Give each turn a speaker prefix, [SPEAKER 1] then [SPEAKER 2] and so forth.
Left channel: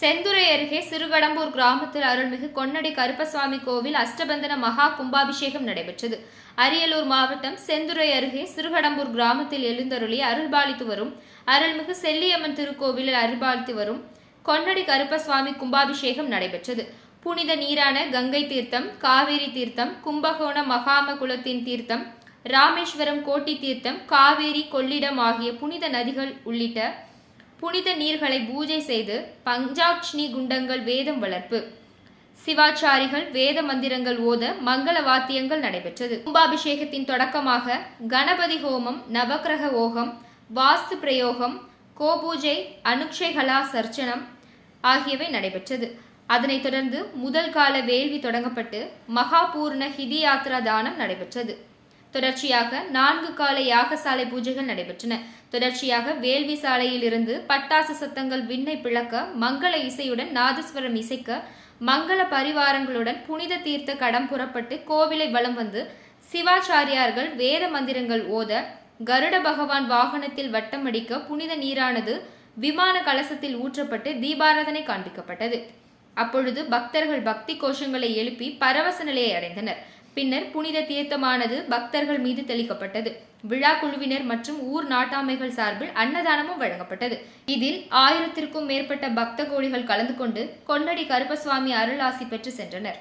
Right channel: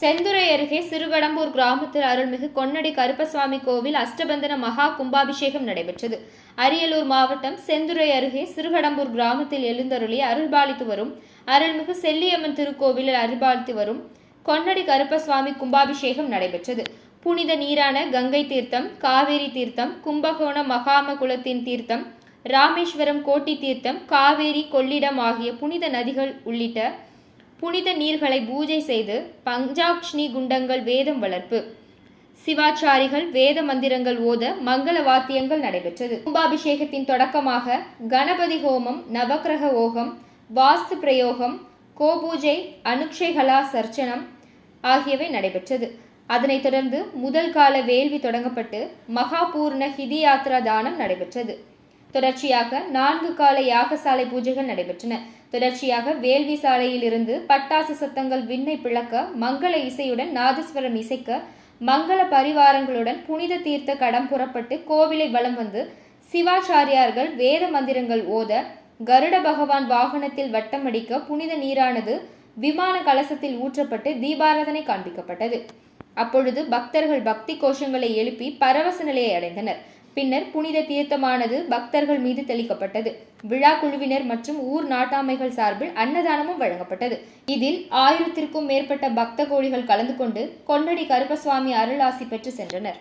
[SPEAKER 1] செந்துறை அருகே சிறுகடம்பூர் கிராமத்தில் அருள்மிகு கொன்னடி கருப்பசுவாமி கோவில் அஷ்டபந்தன மகா கும்பாபிஷேகம் நடைபெற்றது. அரியலூர் மாவட்டம் செந்துறை அருகே சிறுகடம்பூர் கிராமத்தில் எழுந்தருளி அருள்பாலித்து வரும் அருள்மிகு செல்லியம்மன் திருக்கோவிலில் அருள்பாலித்து வரும் கொன்னடி கருப்பசுவாமி கும்பாபிஷேகம் நடைபெற்றது. புனித நீரான கங்கை தீர்த்தம் காவேரி தீர்த்தம் கும்பகோண மகாம குலத்தின் தீர்த்தம் ராமேஸ்வரம் கோட்டி தீர்த்தம் காவேரி கொள்ளிடம் ஆகிய புனித நதிகள் உள்ளிட்ட புனித நீர்களை பூஜை செய்து பஞ்சாக்ஷ்ணி குண்டங்கள் வேதம் வளர்ப்பு. சிவாச்சாரிகள் வேத மந்திரங்கள் ஓத மங்கள வாத்தியங்கள் நடைபெற்றது. கும்பாபிஷேகத்தின் தொடக்கமாக கணபதி ஹோமம் நவக்கிரக ஓகம் வாஸ்து பிரயோகம் கோபூஜை அனுக்ஷைகலா சர்ச்சனம் ஆகியவை நடைபெற்றது. அதனைத் தொடர்ந்து முதல் கால வேள்வி தொடங்கப்பட்டு மகாபூர்ண ஹிதி யாத்ரா தானம் நடைபெற்றது. தொடர்ச்சியாக நான்கு கால யாகசாலை பூஜைகள் நடைபெற்றன. தொடர்ச்சியாக வேள்வி சாலையில் இருந்து பட்டாசு சத்தங்கள் விண்ணை பிளக்க மங்கள இசையுடன் நாதஸ்வரம் இசைக்க மங்கள பரிவாரங்களுடன் புனித தீர்த்த கடம் புறப்பட்டு கோவிலை வலம் வந்து சிவாச்சாரியார்கள் வேத மந்திரங்கள் ஓத கருட பகவான் வாகனத்தில் வட்டமடிக்க புனித நீரானது விமான கலசத்தில் ஊற்றப்பட்டு தீபாராதனை காண்பிக்கப்பட்டது. அப்பொழுது பக்தர்கள் பக்தி கோஷங்களை எழுப்பி பரவச நிலையை அடைந்தனர். பின்னர் புனித தீர்த்தமானது பக்தர்கள் மீது தெளிக்கப்பட்டது. விழா குழுவினர் மற்றும் ஊர் நாட்டாமைகள் சார்பில் அன்னதானமும் வழங்கப்பட்டது. இதில் ஆயிரத்திற்கும் மேற்பட்ட பக்த கோடிகள் கலந்து கொண்டு கொண்டடி கருப்பசுவாமி அருளாசி பெற்று சென்றனர்.